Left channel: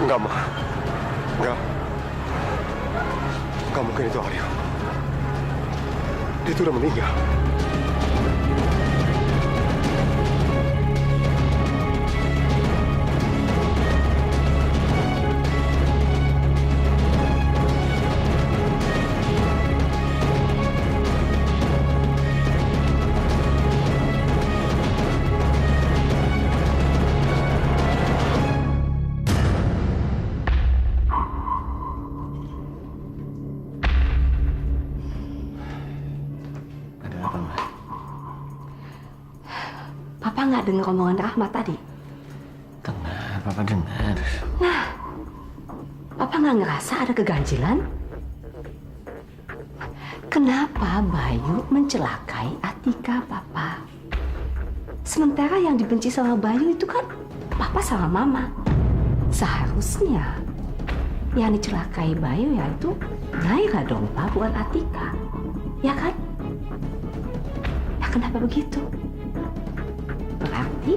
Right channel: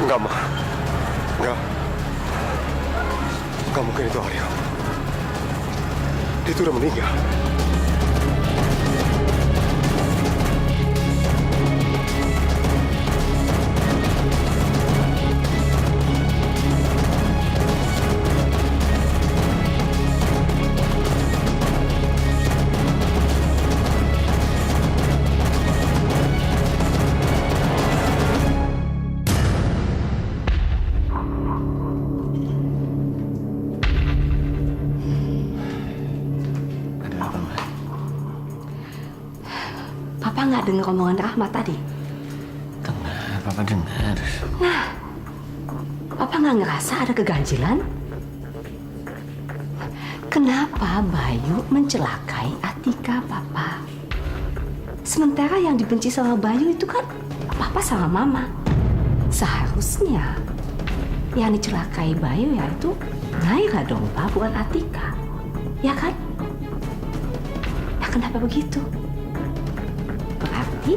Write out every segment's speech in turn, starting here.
Enggak, Ma. Enggak. Enggak mungkin itu Aryo. Dia itu udah meninggal. Papa nggak dengar omongan Rahmat tadi? Dengar, Papa dengar. Nah, Papa nggak ngerasa ada keganjilan? Kenapa Bayu mencelakai Atika, Papa? Sementara yang dibenci sama Bayu itu kan Papa sama Mama. Seharusnya yang dicelakai Bayu ya itu Naira dong, Pak, bukan Atika. Ya kan? Ya kenapa begitu? Berarti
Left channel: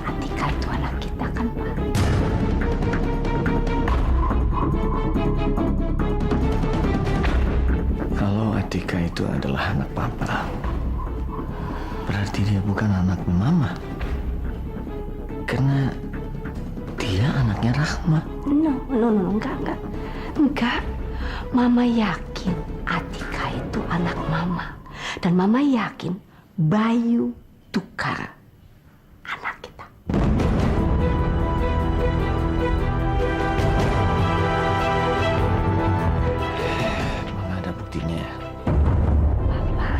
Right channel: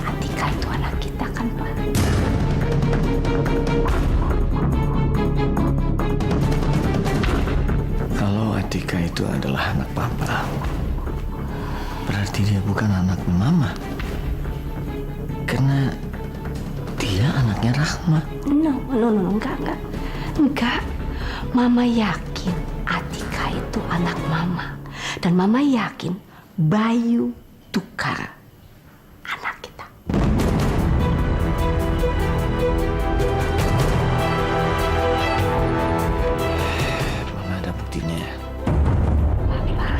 Atika itu anak kita kan, Pak? Kalau Atika itu adalah anak Papa, berarti dia bukan anak Mama. Karena dia anaknya Rahma. No, enggak. Mama yakin Atika itu anak Mama. Dan Mama yakin Bayu Tukar anak kita. Mana ada buktinya? Papa,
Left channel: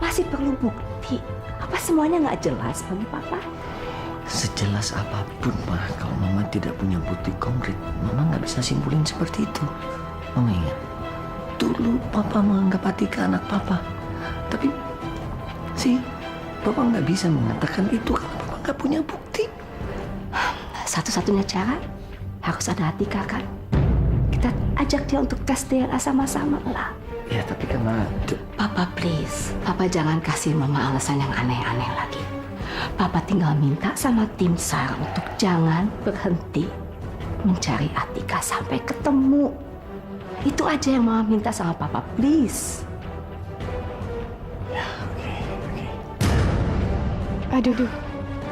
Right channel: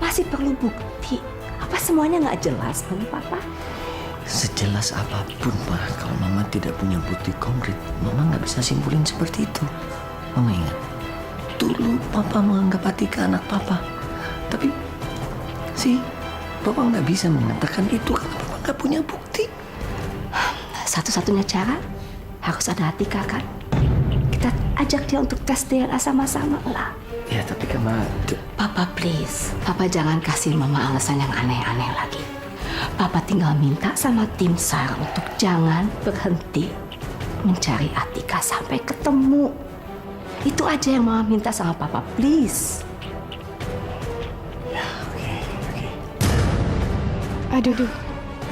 masih perlu bukti. Apa semuanya nggak jelas bagi Papa? Sejelas apapun, Ma, kalau Mama tidak punya bukti konkret, Mama nggak bisa simpulin seperti itu. Mama ingat, dulu Papa menganggap Atika anak Papa. Tapi, Papa nggak bisa mengatakan itu karena Papa nggak punya bukti. Satu-satunya cara harus ada Atika, kan? Kita ajak dia untuk tes DNA sama-sama lah. Ya, tapi kan, Ma... Papa please, Papa jangan kasih Mama alasan yang aneh-aneh lagi. Papa tinggal minta sama tim SAR untuk jangan berhenti mencari Atika sampai ketemu. Itu aja yang Mama minta sama Papa, please. Ya, oke. Aduh,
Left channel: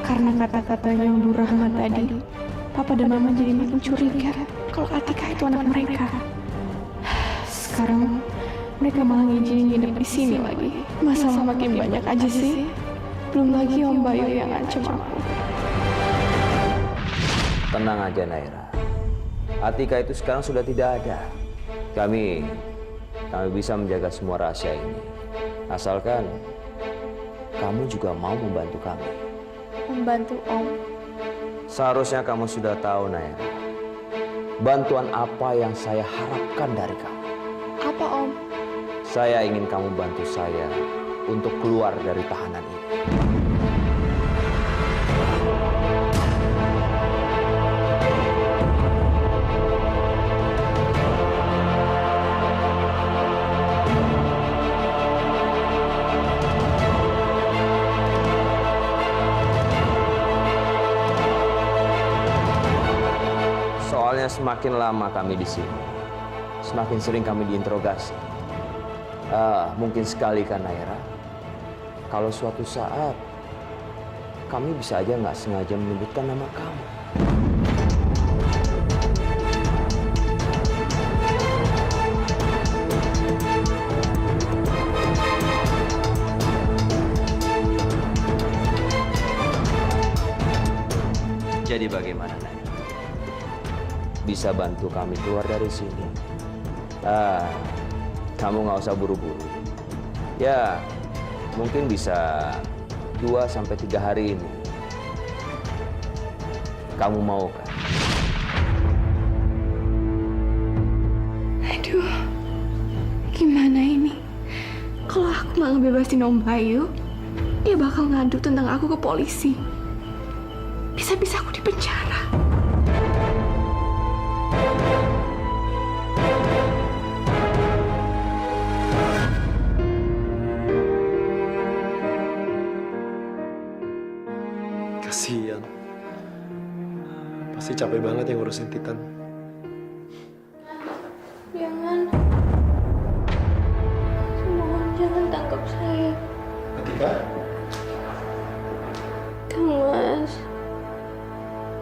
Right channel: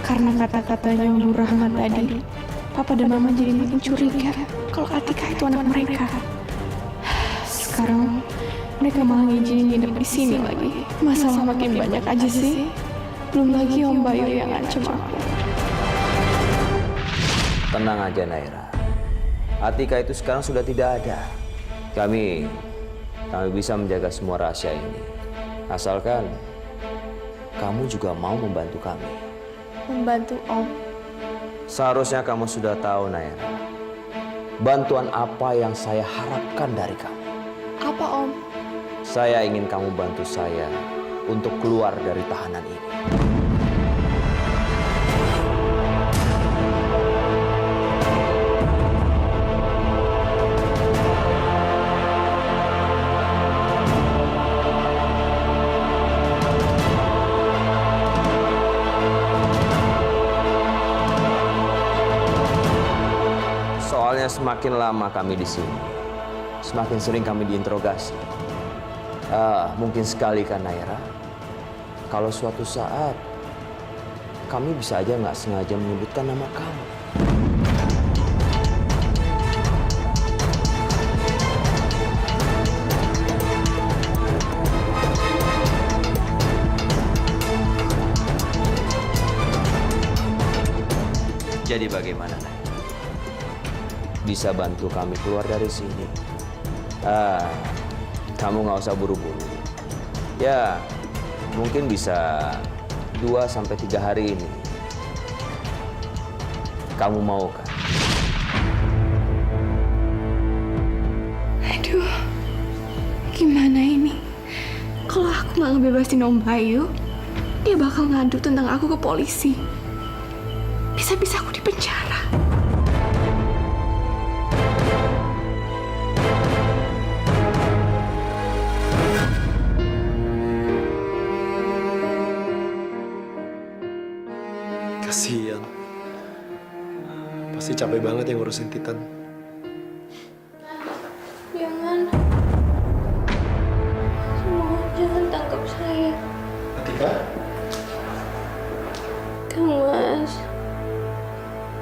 karena kata-katanya Bu Rahmat tadi, Papa dan Mama jadi makin curiga kalau Atika itu anak mereka. Sekarang mereka malah ngizinin nginep di sini lagi. Masalah makin banyak aja sih. Belum lagi Om Bayu yang ngancem aku. Tenang aja, Naira. Atika itu sekarang sudah tidak ada. Kami bisa menjaga semua rahasia ini. Asalkan kamu juga mau membantu kami. Membantu Om? Seharusnya kamu sudah tahu, Naira. Bantuan apa yang saya harapkan dari kamu. Apa Om? Saya ingin kamu bantu saya untuk keluar dari tahanan ini. Soalnya semakin lama kami di sini, semakin sering kami diinterogasi. Mungkin sekali kan, Naira, kalau suatu saat kami bisa aja nggak sengaja menyebutkan nama kamu. Jadi bagaimana, Naira? Bisa bantu kami keluar dari sini? Kamu nggak usah buru-buru. Ya, mungkin bisa 2-3 hari ini. Kamu mau kan? Aduh, gimana ini? Kalau aku nggak ngebebasin Om Bayu, dia bakal ngadu tentang aku ke polisi. Bisa-bisa aku di penjara. Kasihan. Pasti capek banget yang ngurusin Titan. Jangan. Mohon jangan tangkap saya. Atika? Kang Mas.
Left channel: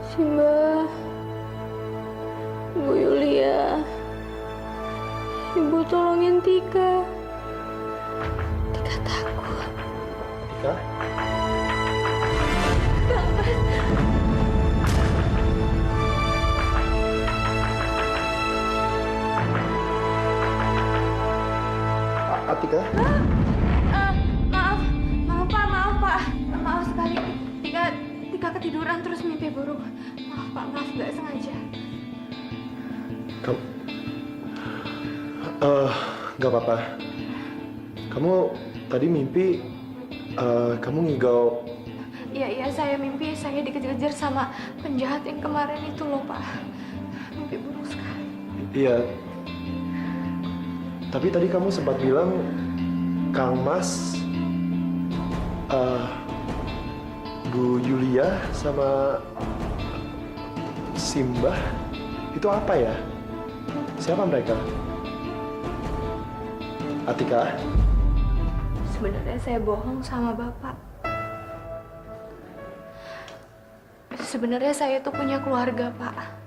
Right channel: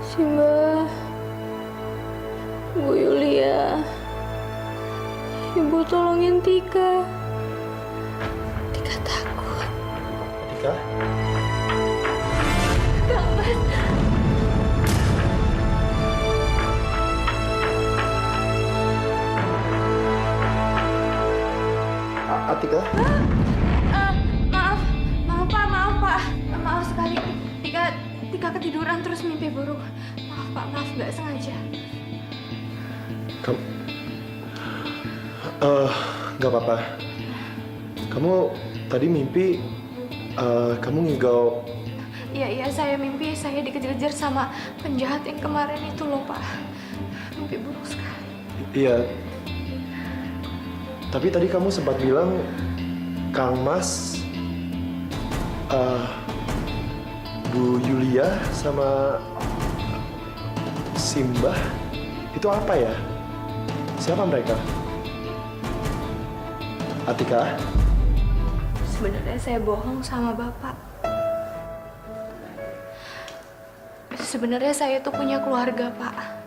Simba. Bu Yulia. Ibu tolongin Tika. Tika takut. Atika? Kang Mas. Atika? Maaf Pak. Maaf sekali. Tika ketiduran terus mimpi buruk. Maaf Pak, maaf nggak sengaja. Kamu... nggak apa-apa. Kamu tadi mimpi, kamu ngigau... Iya, saya mimpi saya dikejar-kejar sama penjahat yang kemarin itu loh Pak. Mimpi buruk sekali. Iya. Tapi tadi kamu sempat bilang, Kang Mas, Bu Yulia sama Simba, itu apa ya? Siapa mereka? Atika? Sebenarnya saya bohong sama Bapak. Sebenarnya saya tuh punya keluarga, Pak.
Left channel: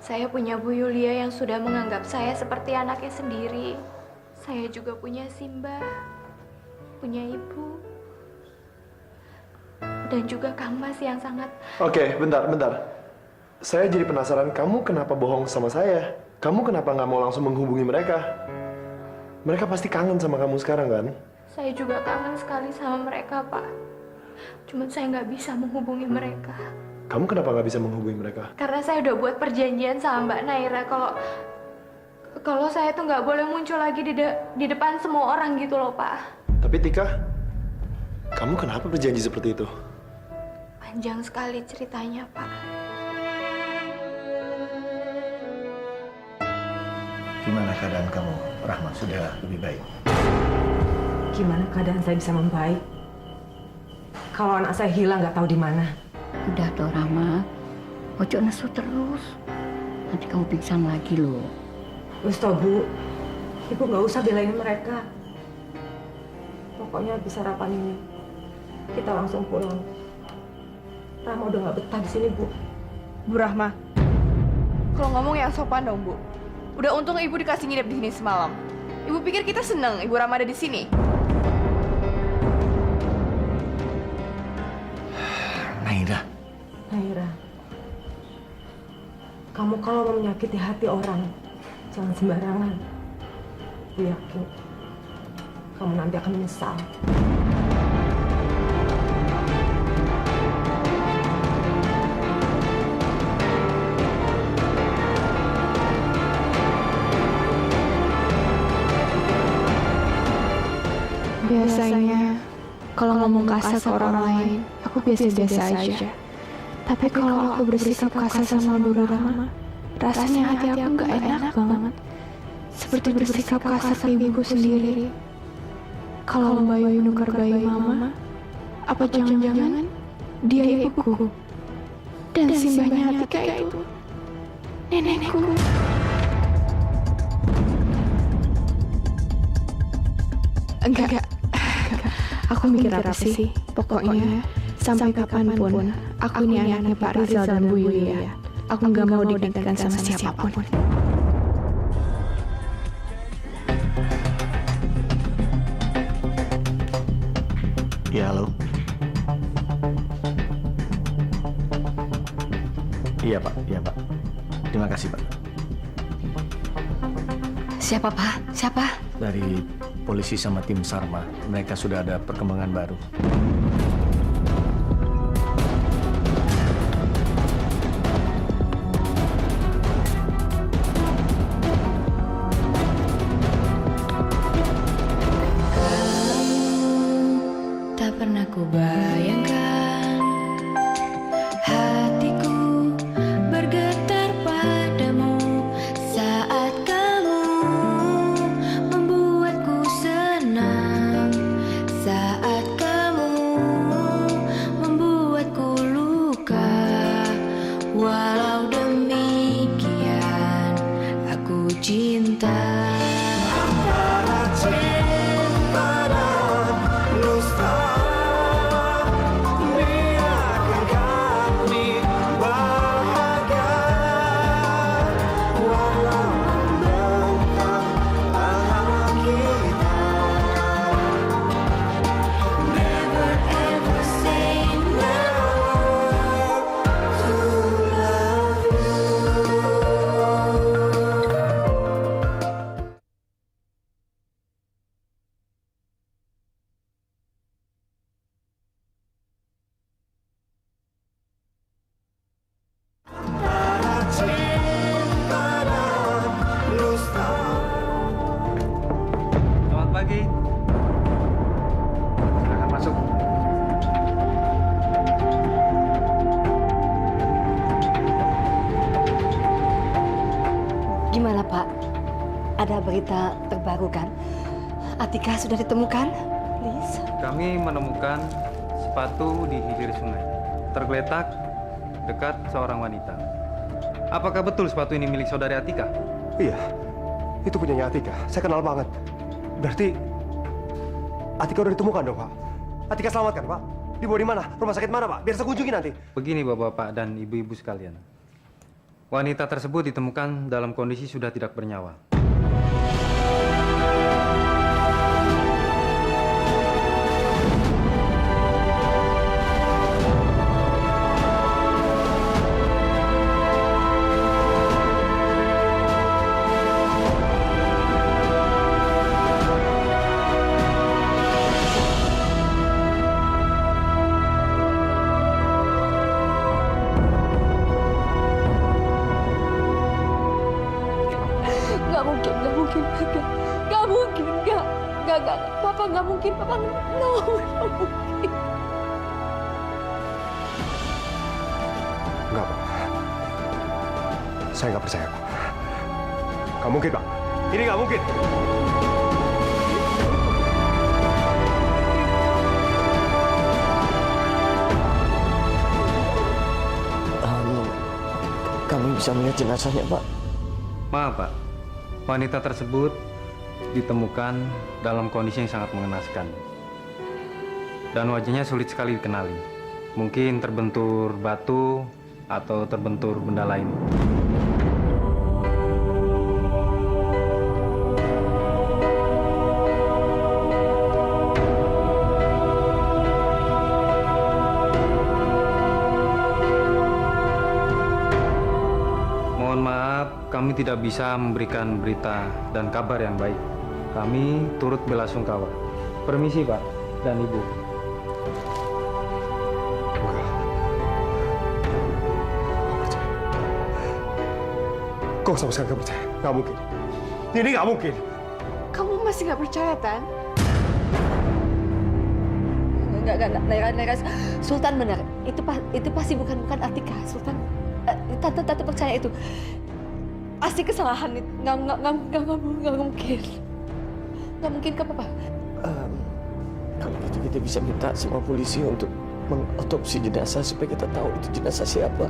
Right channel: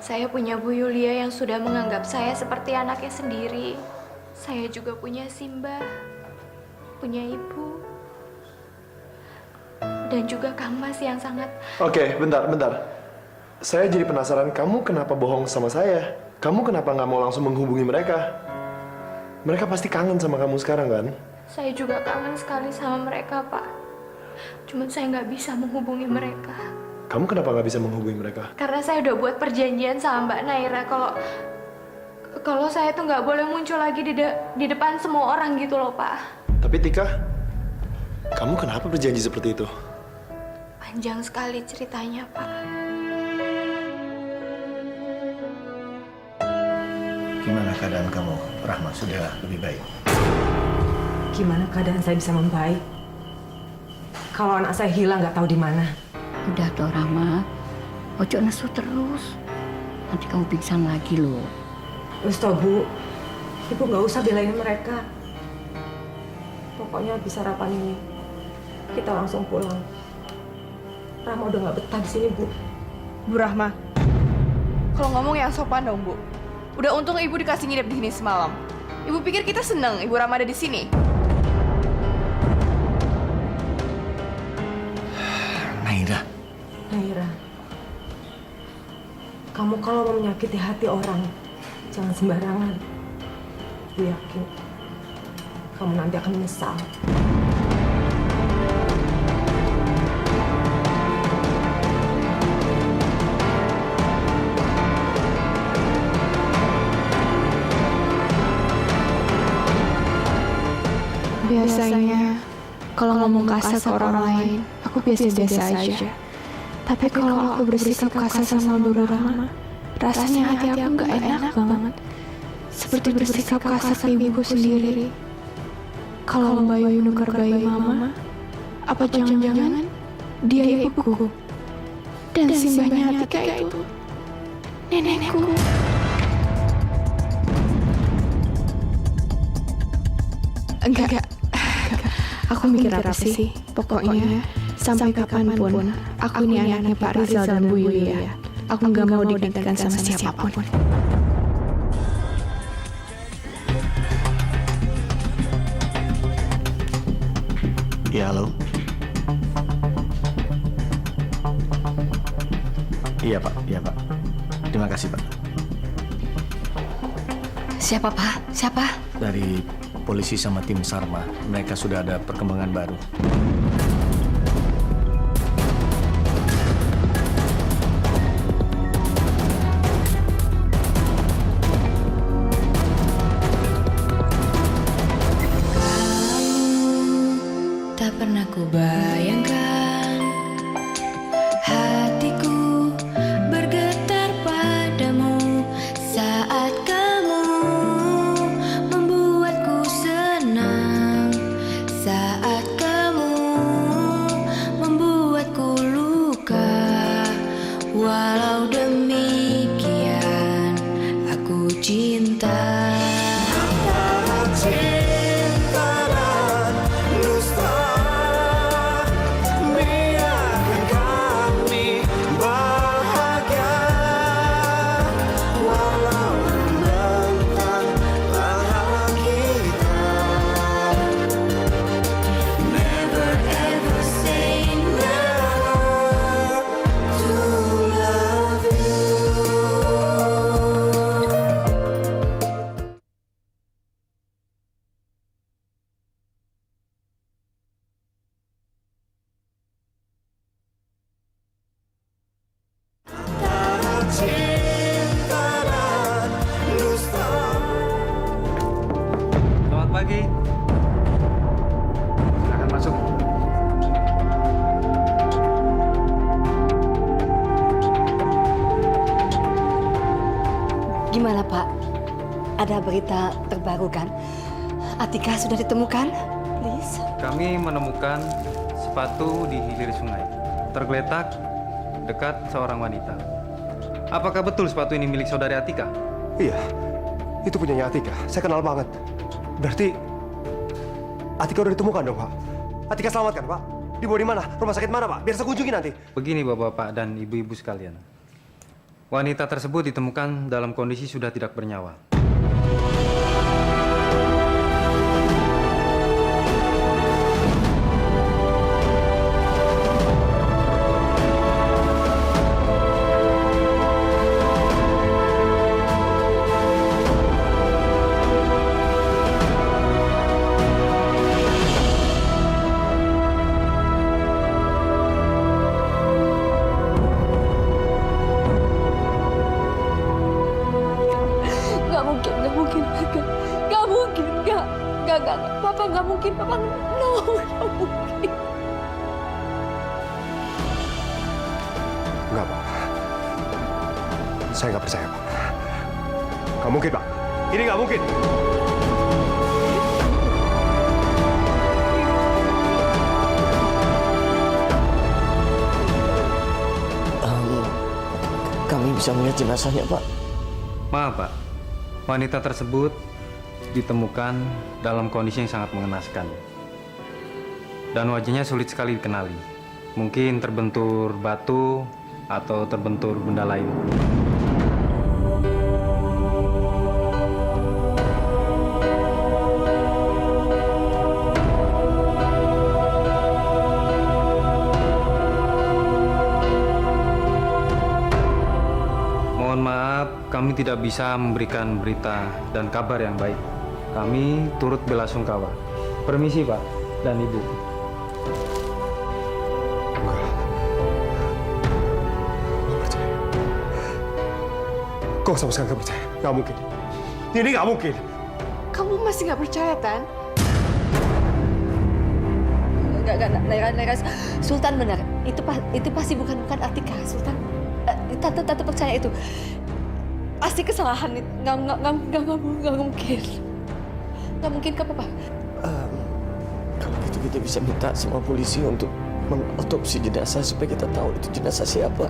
Saya punya Bu Yulia yang sudah menganggap saya seperti anaknya sendiri. Saya juga punya Simba, punya ibu, dan juga Kang Mas yang sangat... Oke, bentar. Saya jadi penasaran, kamu kenapa bohong sama saya? Kamu kenapa nggak mau langsung menghubungi mereka? Mereka pasti kangen sama kamu sekarang, kan? Saya juga kangen sekali sama mereka, Pak. Cuman saya nggak bisa menghubungi mereka. Kamu kenapa nggak bisa menghubungi mereka? Karena saya udah buat perjanjian sama Mbak Naira kalau saya tuh nggak boleh muncul lagi di depan semua orang gitu loh, Pak. Tapi Tika, kamu kenapa berjanji seperti itu? Panjang sekali ceritanya, Pak. Gimana keadaan kamu, Rahma? Sudah lebih baik? Gimana keadaan saya bisa membaik? Kalau anak saya hilang nggak tahu di mana. Udah toh Rahma, ojo nesu terus. Nanti kamu pingsan lagi loh. Wis toh, Bu. Ibu nggak usah belain mereka. Pokoknya habis sarapan ini, kita langsung pulang. Rahma udah nggak betah di sini, Bu. Bu Rahma, kalau ngomong yang sopan dong, Bu. Udah untung Ibu dikasih nginep di sini semalam. Ibu pikir kita seneng Ibu Rahma ada di sini? Naira, kamu kalau mau menyakiti hati orang, jangan sembarangan. Aku yakin kamu nanti akan menyesal. Biasanya, kalau ngomong kasar ke orang lain, aku biasa-biasa aja. Tapi kalau aku bersikap kasar sama Bu Rahma, rasanya hati aku nggak enak banget. Seperti bersikap kasar ke ibuku sendiri. Kalau Mbak Yu nukar bayi Mama, apa jangan-jangan dia ibuku? Dan Simbanya Atika itu nenekku. Enggak. Aku mikir apa sih? Pokoknya sampai kapanpun aku ini anaknya Pak Rizal dan Bu Yulia. Aku nggak mau digantikan sama siapapun. Ya, halo. Iya, Pak. Terima kasih, Pak. Siapa, Pak? Siapa? Dari polisi sama tim Sarma, mereka sudah ada perkembangan baru. Tak pernah ku bayangkan hatiku bergetar padamu saat kamu membuatku senang, saat kamu Gimana Pak? Ada berita terbaru kan? Atika sudah ditemukan? Please. Kami menemukan sepatu di hilir sungai, tergeletak dekat seorang wanita. Apakah betul sepatu ini milik saudari Atika? Iya, itu punyanya Atika. Saya kenal banget. Berarti Atika udah ditemukan dong, Pak. Atika selamatkan, Pak. Dibawa di mana? Rumah sakit mana, Pak? Biar saya kunjungi nanti. Begini bapak-bapak dan ibu-ibu sekalian. Wanita tersebut ditemukan dalam kondisi sudah tidak bernyawa. Papa nggak mungkin, Papa no, nggak mungkin. Enggak, Pak. Saya nggak percaya, Pak. Nggak mungkin, Pak. Ini nggak mungkin. Kami bisa melihat jenazahnya, Pak. Maaf, Pak. Wanita tersebut ditemukan dalam kondisi yang sangat mengenaskan. Dan wajahnya sulit sekali dikenali. Mungkin terbentur batu atau terbentur benda lain. Mohon maaf, kami tidak bisa memberikan berita dan kabar yang baik. Kami turut belasungkawa. Permisi, Pak dan Ibu. Nggak percaya. Kok sama sekali nggak percaya? Nggak mungkin. Ini nggak mungkin. Kamu masih nggak percaya, Tan? Enggak, Naira. Sultan benar. Itu pasti bukan Atika. Sultan, tante percaya itu. Pasti kesalahan itu. Nggak mungkin. Nggak mungkin ke Papa. Kalau gitu kita bisa minta sama polisi untuk mengotopsi jenazah supaya kita tahu itu jenazah siapa.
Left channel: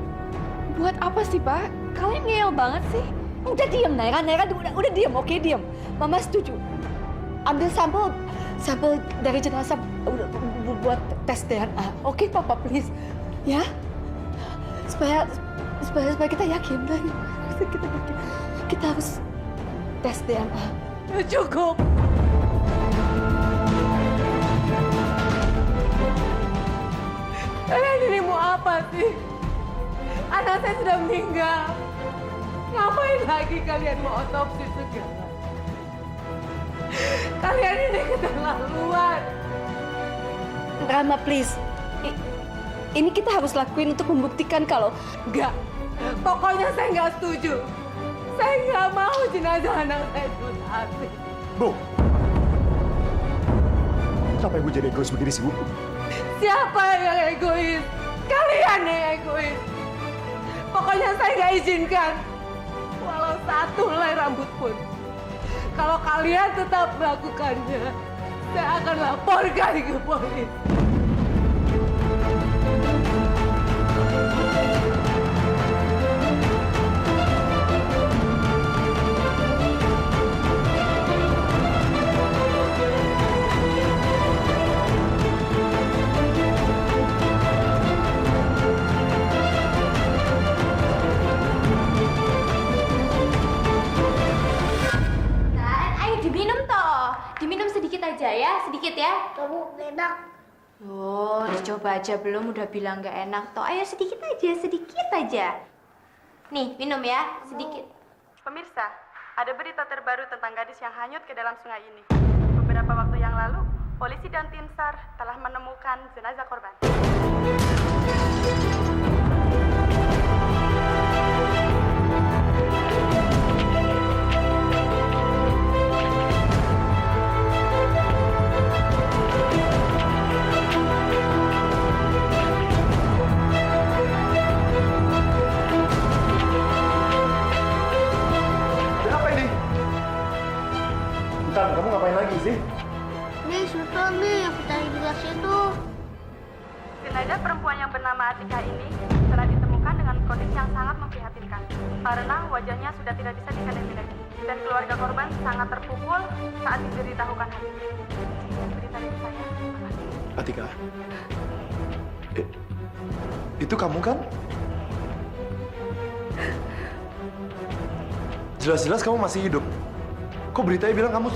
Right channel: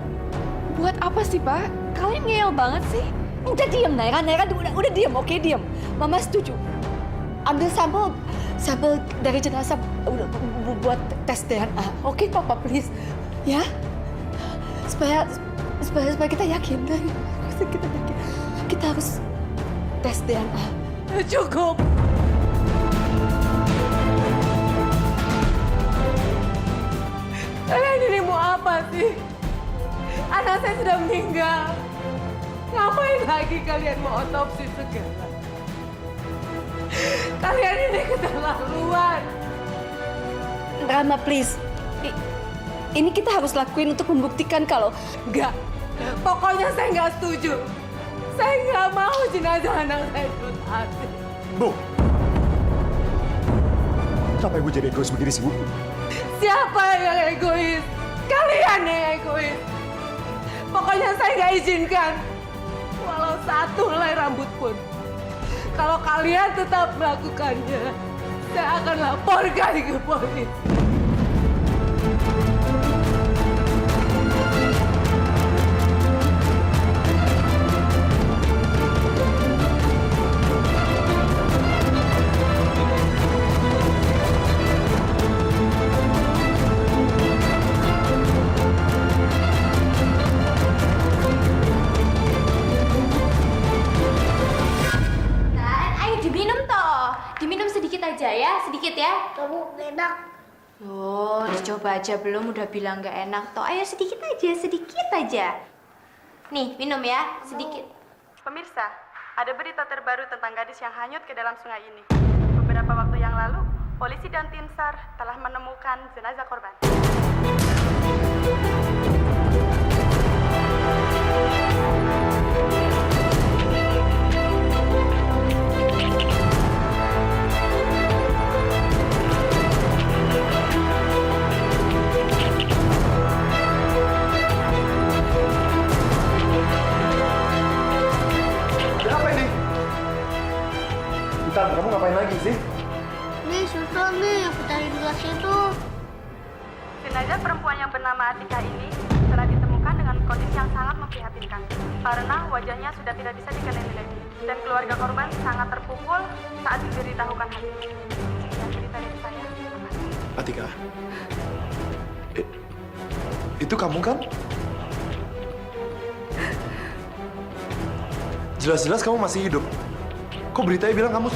Buat apa sih, Pak? Kalian ngeyel banget sih. Udah diam, Naira udah diam, oke diam. Mama setuju. Ambil sampel dari jenazah buat tes DNA. Oke, Papa please. Ya. Supaya kita yakin. Kita yakin. Kita harus tes DNA. Cukup. Kalian ini mau apa sih? Anak saya sudah meninggal. Ngapain lagi kalian mau otopsi segala? Kalian ini keterlaluan. Rama, please. Ini kita harus lakuin untuk membuktikan kalau enggak. Pokoknya saya nggak setuju. Saya nggak mau jenazah anak saya diotopsi. Bu. Kenapa Ibu jadi egois begini sih, Bu? Siapa yang egois? Kalian yang egois. Pokoknya saya nggak izinkan. Walau satu helai rambut pun. Kalau kalian tetap melakukannya, saya akan laporkan ke polisi. Diminum sedikit aja ya, sedikit ya. Kamu enak. Oh, dicoba aja belum udah bilang nggak enak toh. Ayo sedikit aja. Nih, minum ya, sedikit. Pemirsa, ada berita terbaru tentang gadis yang hanyut ke dalam sungai ini. Beberapa waktu yang lalu, polisi dan tim SAR telah menemukan jenazah korban. Tan, kamu ngapain lagi sih? Nih, susul nih yang pecah di gelas itu. Jenazah perempuan yang bernama Atika ini telah ditemukan dengan kondisi yang sangat memprihatinkan karena wajahnya sudah tidak bisa dikenali lagi dan keluarga korban sangat terpukul saat diberitahukan hal ini. Sekian berita dari saya. Terima kasih. Atika. Itu kamu kan? Jelas-jelas kamu masih hidup. Kok beritanya bilang kamu...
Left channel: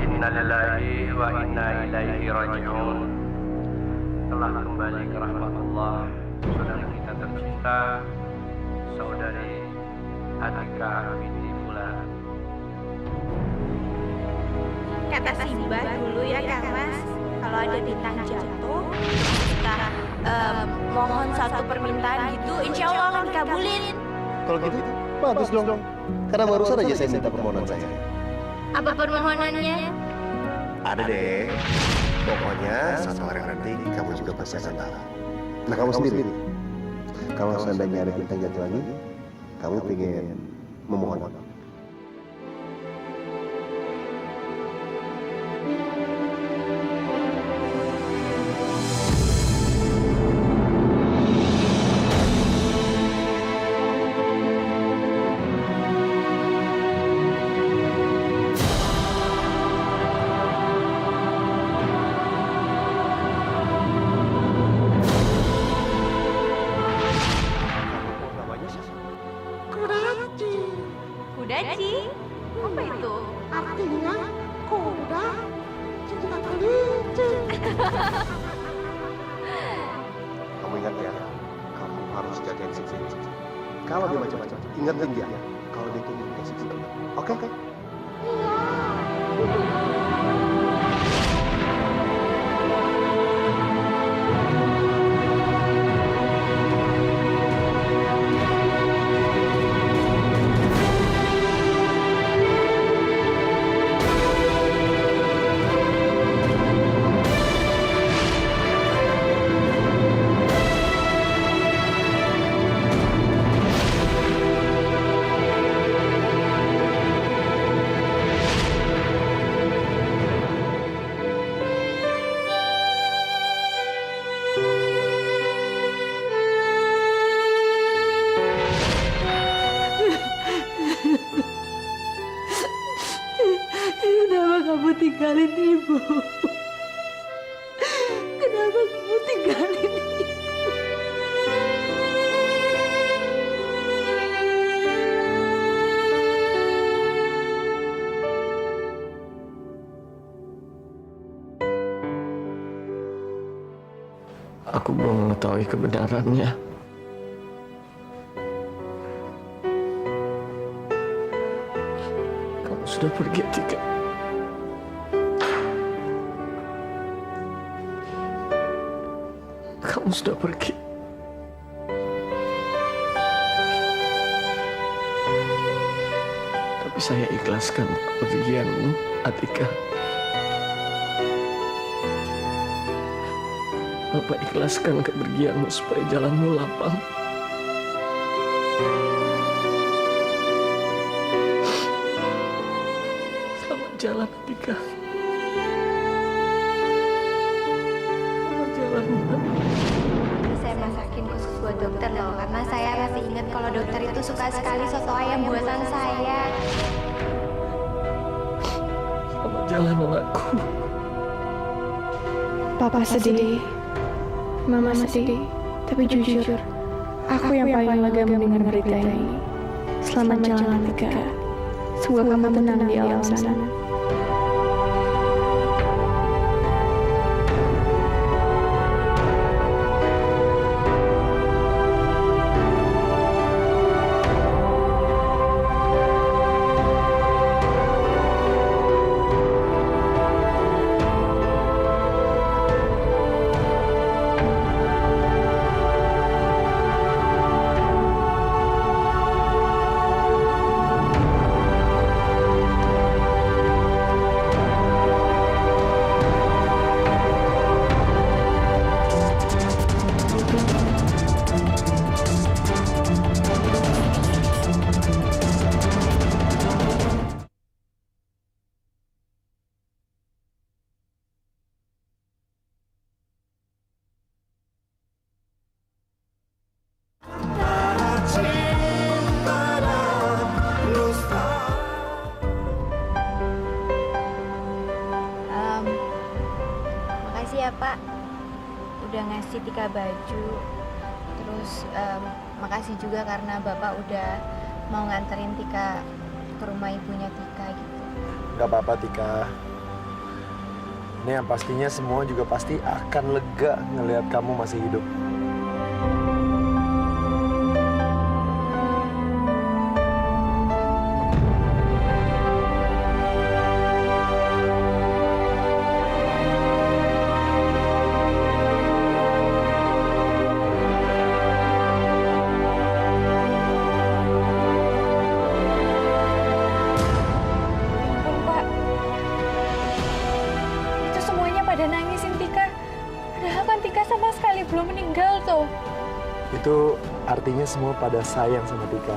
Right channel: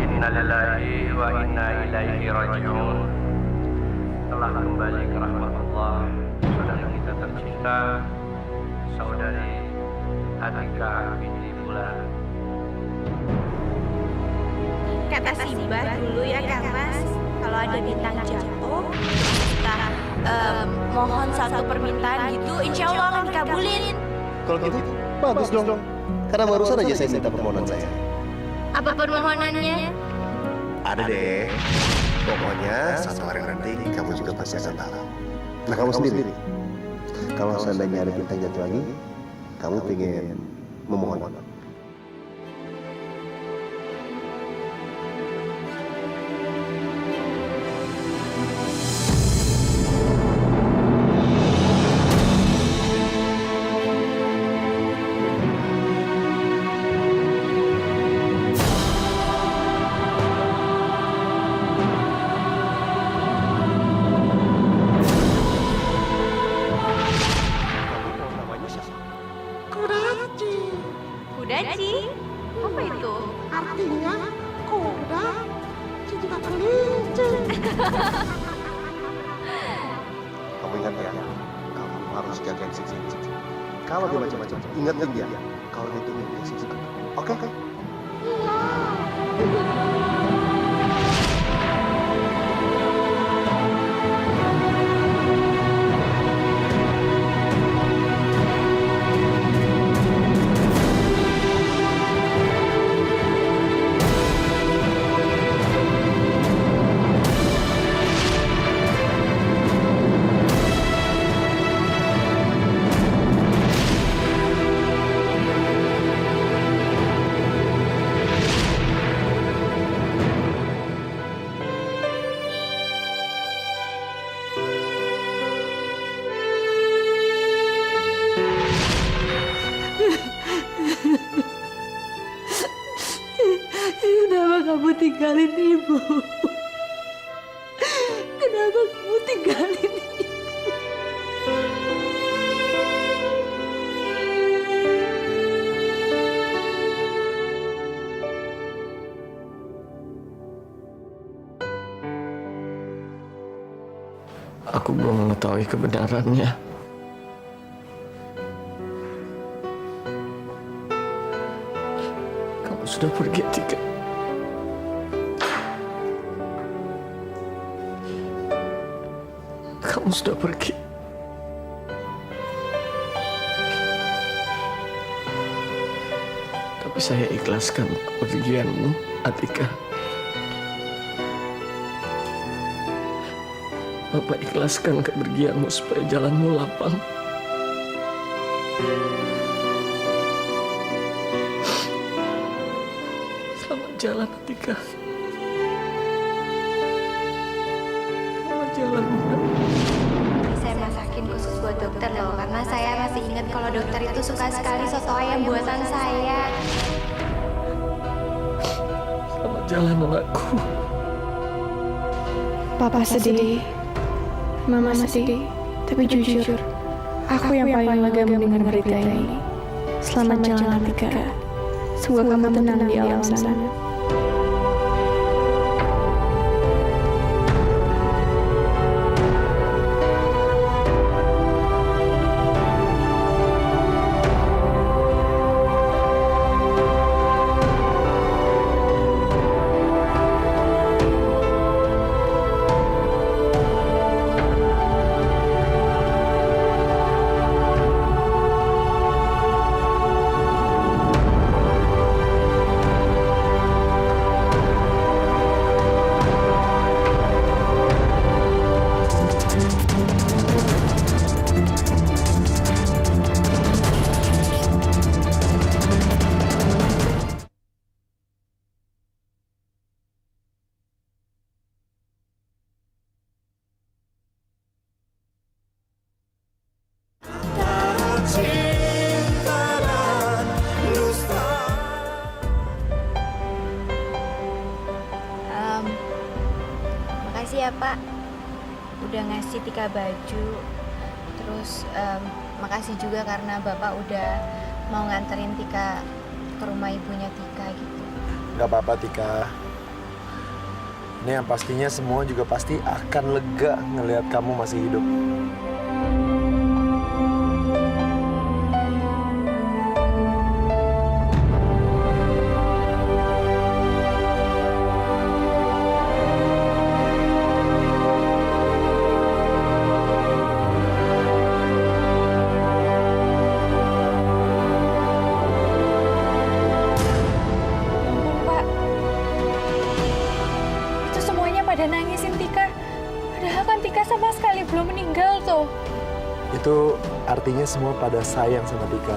Innalillahi wa inna ilaihi raji'un. Telah kembali ke rahmatullah saudari kita tercinta, saudari Atika binti Bulan. Kata Simba dulu ya Kang Mas, kalau ada bintang jatuh, kita mohon satu permintaan gitu, insya Allah akan dikabulin. Kalau gitu, bagus dong. Karena barusan aja saya minta permohonan saya. Apa permohonannya? Ada deh. Pokoknya satu hari nanti kamu juga pasti akan tahu. Nah, kamu sendiri. Kalau seandainya ada bintang jatuh lagi, kamu pengen memohon apa? Kudaci? Apa itu? Artinya kuda juga kelinci. Kamu ingat ya, kamu harus jagain si Cici. Kalau dia macam-macam, ingetin dia. Kalau dia ingin dia sisi benar. Oke? Iya. Kenapa kamu tinggalin ibu? Kenapa kamu tinggalin ibu? Aku belum mengetahui kebenarannya. Kamu sudah pergi, Atika. Kamu sudah pergi. Tapi saya ikhlaskan kepergianmu, Atika. Bapak ikhlaskan kepergianmu supaya jalanmu lapang. Selamat jalan, Atika. Selamat jalan, Bunda. Ini saya masakin khusus buat dokter loh, karena saya masih ingat kalau dokter itu suka sekali soto ayam buatan saya. Selamat jalan, anakku. Papa sedih, Mama sedih, tapi jujur, aku yang paling lega mendengar berita ini. Selamat jalan, Atika. Semoga kamu tenang di alam sana. Pak udah ngasih Tika baju. Terus makasih juga karena Bapak udah mau nganterin Tika ke rumah ibunya Tika gitu. Gak apa-apa Tika. Ini yang pastinya semua juga pasti akan lega ngelihat kamu masih hidup. Pada nangisin Tika. Padahal kan Tika sama sekali belum meninggal tuh. Itu artinya semua pada sayang sama Tika.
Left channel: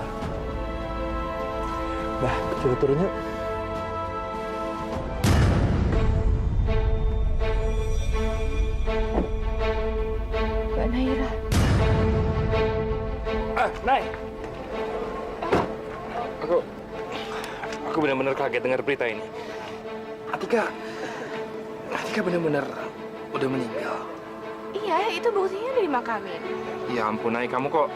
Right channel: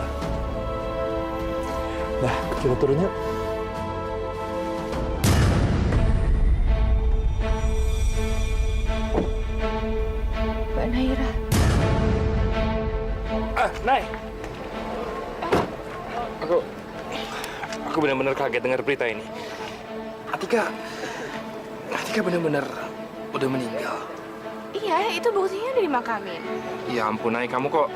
Nah, kita turun yuk. Mbak Naira. Nay. Aku benar-benar kaget dengar berita ini. Atika benar-benar udah meninggal. Iya, itu buktinya udah dimakamin. Ya ampun, Nay, kamu kok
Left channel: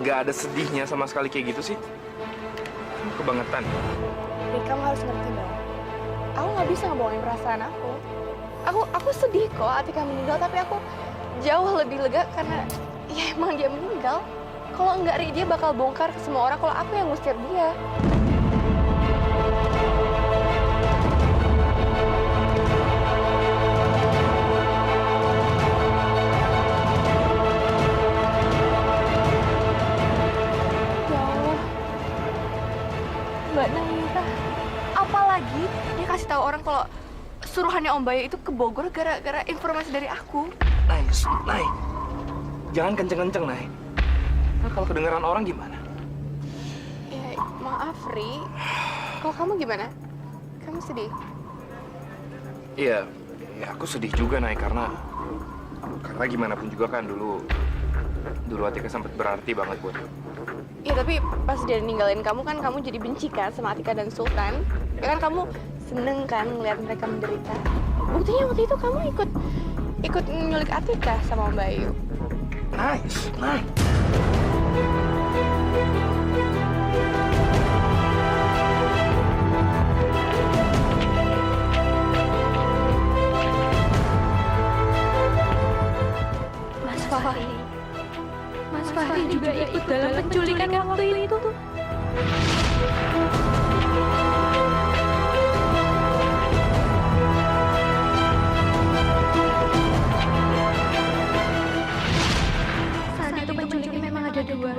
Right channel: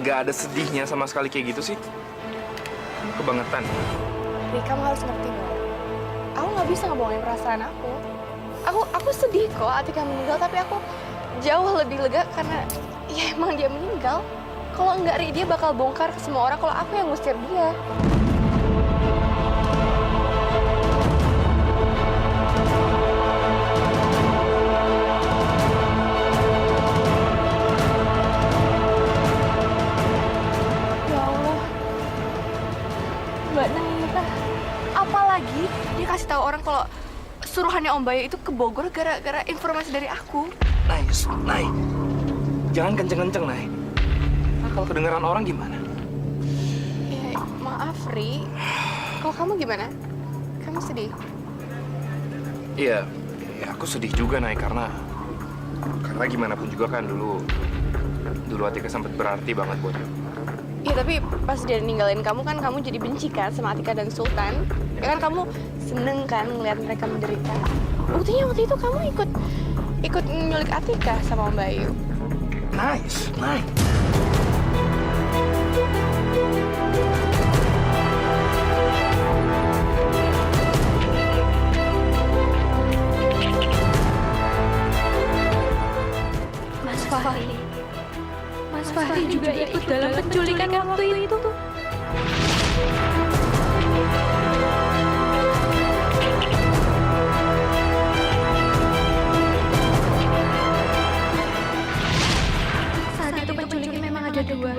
nggak ada sedihnya sama sekali kayak gitu sih? Kamu kebangetan. Rik, kamu harus ngerti dong. Aku nggak bisa ngebohongin perasaan aku. Aku sedih kok Atika meninggal, tapi aku jauh lebih lega karena ya emang dia meninggal. Kalau enggak, Rik, dia bakal bongkar ke semua orang kalau aku yang ngusir dia. Mbak Naira, apalagi dia kasih tahu orang kalau suruhannya Om Bayu itu ke Bogor gara-gara informasi dari aku. Nay, jangan kenceng-kenceng, Nay. Nah, kalau kedengaran orang gimana? Ya, maaf, Ri. Kalau kamu gimana? Kamu sedih? Iya, aku sedih juga, Nay, karena gimana pun juga kan dulu Atika sempat berarti banget buat gue. Iya, tapi pas dia ninggalin kamu kan kamu jadi benci kan sama Atika dan Sultan. Ya kan kamu seneng kan ngeliat mereka menderita. Buktinya waktu itu kamu ikut nyulik Atika sama Om Bayu. Nice. Mas Fahri juga ikut dalam penculikan waktu itu. Saat itu penculiknya memang ada dua.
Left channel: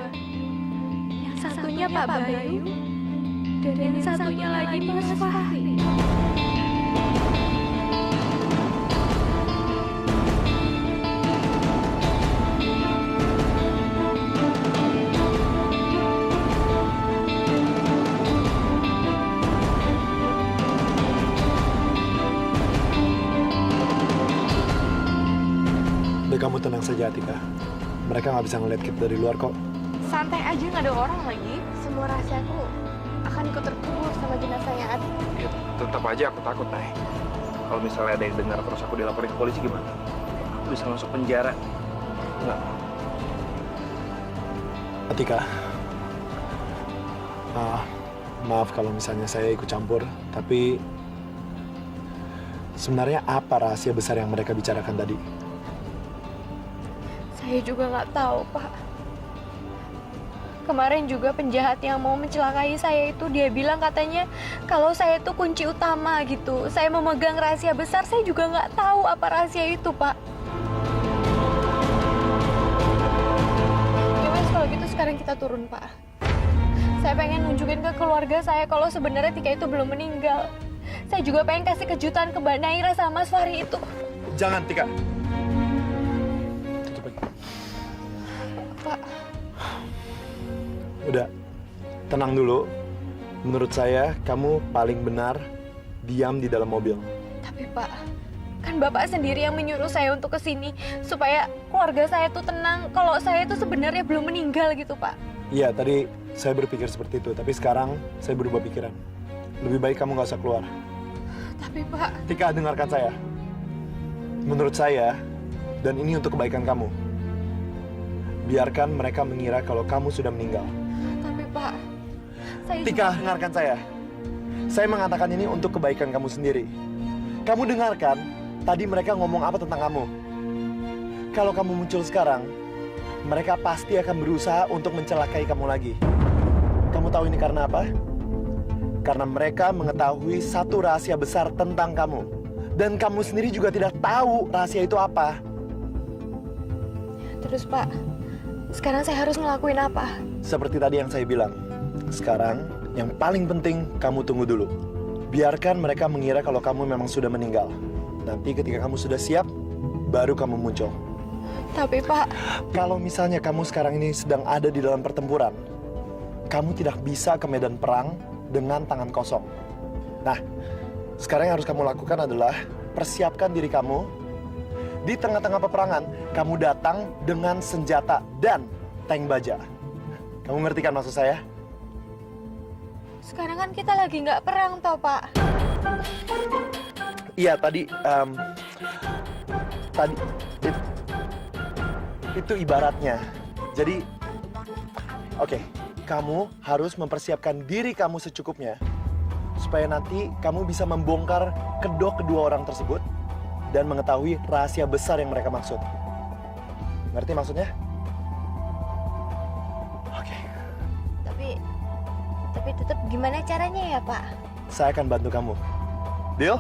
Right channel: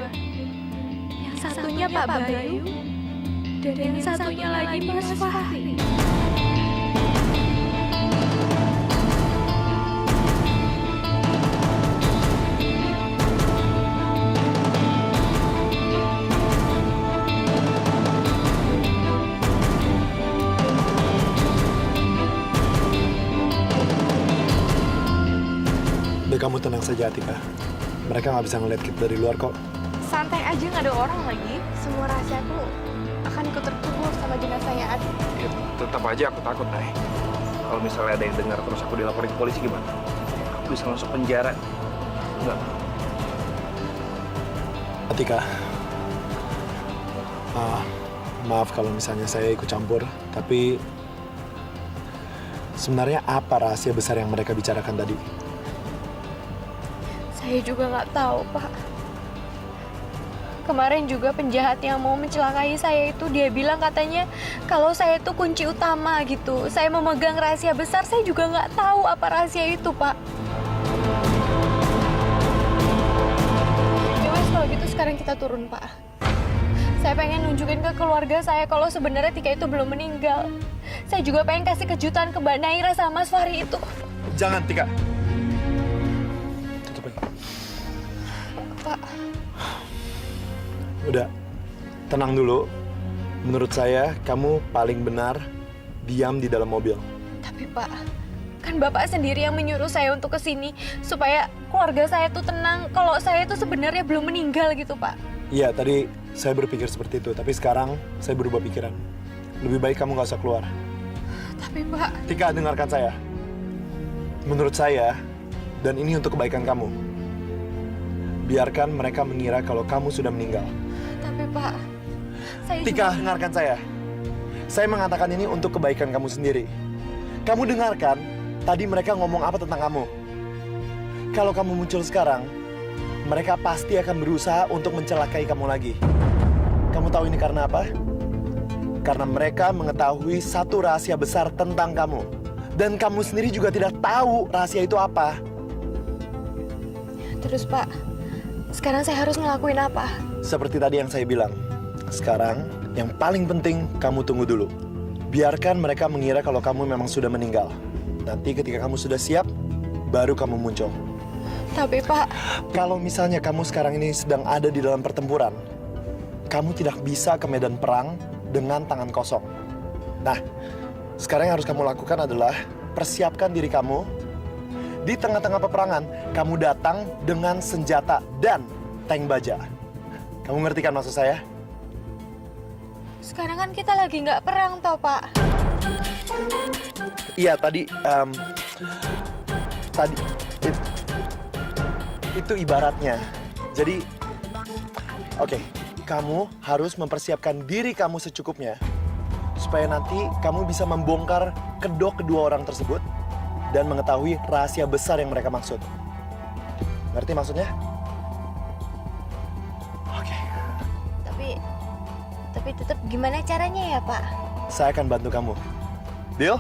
Yang satunya Pak Bayu, dan yang satunya lagi Mas Fahri. Kamu tenang saja, Atika. Mereka nggak bisa ngeliat kita dari luar kok. Santai aja, nggak ada orang lagi. Semua rahasiaku akan ikut terkubur sama jenazahnya Adi. Ya, tetap aja aku takut, Nay. Kalau misalnya ada yang dengar terus aku dilaporin ke polisi gimana? Aku bisa masuk penjara. Nggak mau. Atika, maaf kalau misalnya saya ikut campur, tapi sebenarnya apa rahasia besar yang mereka bicarakan tadi? Saya juga nggak tahu, Pak. Kemarin juga penjahat yang mau mencelakai saya itu dia bilang katanya kalau saya itu kunci utama gitu. Saya memegang rahasia besar, saya juga nggak tahu apa rahasia itu, Pak. Ya wes, kalau gitu sekarang kita turun, Pak. Saya pengen nunjukin ke keluarga saya kalau sebenarnya Tika itu belum meninggal. Saya juga pengen kasih kejutan ke Mbak Naira sama Mas Fahri itu. Jangan, Tika. Pak. Udah, tenang dulu. Menurut saya, kamu paling benar diam di dalam mobil. Tapi Pak, kan Bapak sendiri yang menyuruh saya untuk kesini supaya keluarga saya tuh tenang kalau saya tuh sebenarnya belum meninggal gitu, Pak. Iya, tadi saya berpikir seperti itu. Tapi sekarang saya berubah pikiran. Lebih baik kamu nggak usah keluar. Tapi Pak... Tika, dengarkan saya. Menurut saya, dan ini untuk kebaikan kamu, biarkan mereka mengira kalau kamu sudah meninggal. Tapi Pak, saya Tika, dengarkan saya. Saya mengatakan ini untuk kebaikan kamu sendiri. Kamu dengarkan, tadi mereka ngomong apa tentang kamu. Kalau kamu muncul sekarang, mereka pasti akan berusaha untuk mencelakai kamu lagi. Kamu tahu ini karena apa? Karena mereka mengetahui satu rahasia besar tentang kamu. Dan kamu sendiri juga tidak tahu rahasia itu apa. Terus Pak, sekarang saya harus ngelakuin apa? Seperti tadi yang saya bilang. Sekarang, yang paling penting kamu tunggu dulu. Biarkan mereka mengira kalau kamu memang sudah meninggal. Nanti ketika kamu sudah siap, baru kamu muncul. Tapi Pak, kalau misalnya kamu sekarang ini sedang ada di dalam pertempuran, kamu tidak bisa ke medan perang dengan tangan kosong. Nah, sekarang yang harus kamu lakukan adalah persiapkan diri kamu. Di tengah-tengah peperangan, kamu datang dengan senjata dan tank baja. Kamu ngerti kan maksud saya? sekarang kan kita lagi nggak perang toh Pak. Iya, tadi itu ibaratnya. Jadi, oke, kamu harus mempersiapkan diri kamu secukupnya supaya nanti kamu bisa membongkar kedua orang tersebut dan mengetahui rahasia besar yang mereka maksud. Ngerti maksudnya? Oke. Tapi tetap gimana caranya ya Pak? Saya akan bantu kamu. Deal?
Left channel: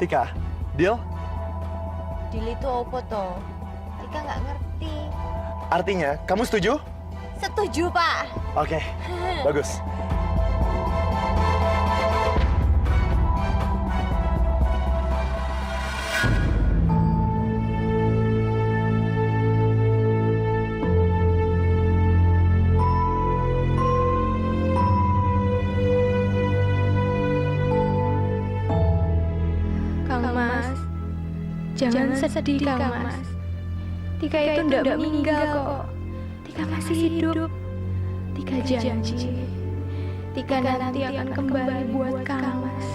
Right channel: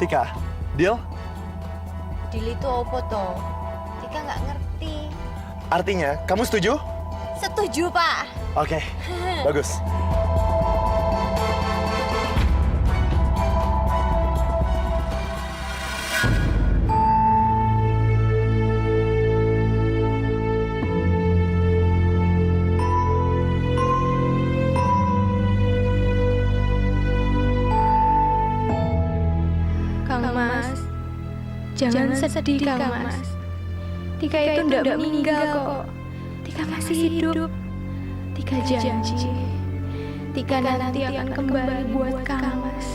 Tika, deal? Deal itu apa toh? Tika nggak ngerti. Artinya, kamu setuju? Setuju Pak. Oke, bagus. Kang Mas, jangan sedih Kang Mas. Tika itu ndak meninggal kok. Tika masih hidup. Tika janji. Tika nanti akan kembali buat Kang Mas.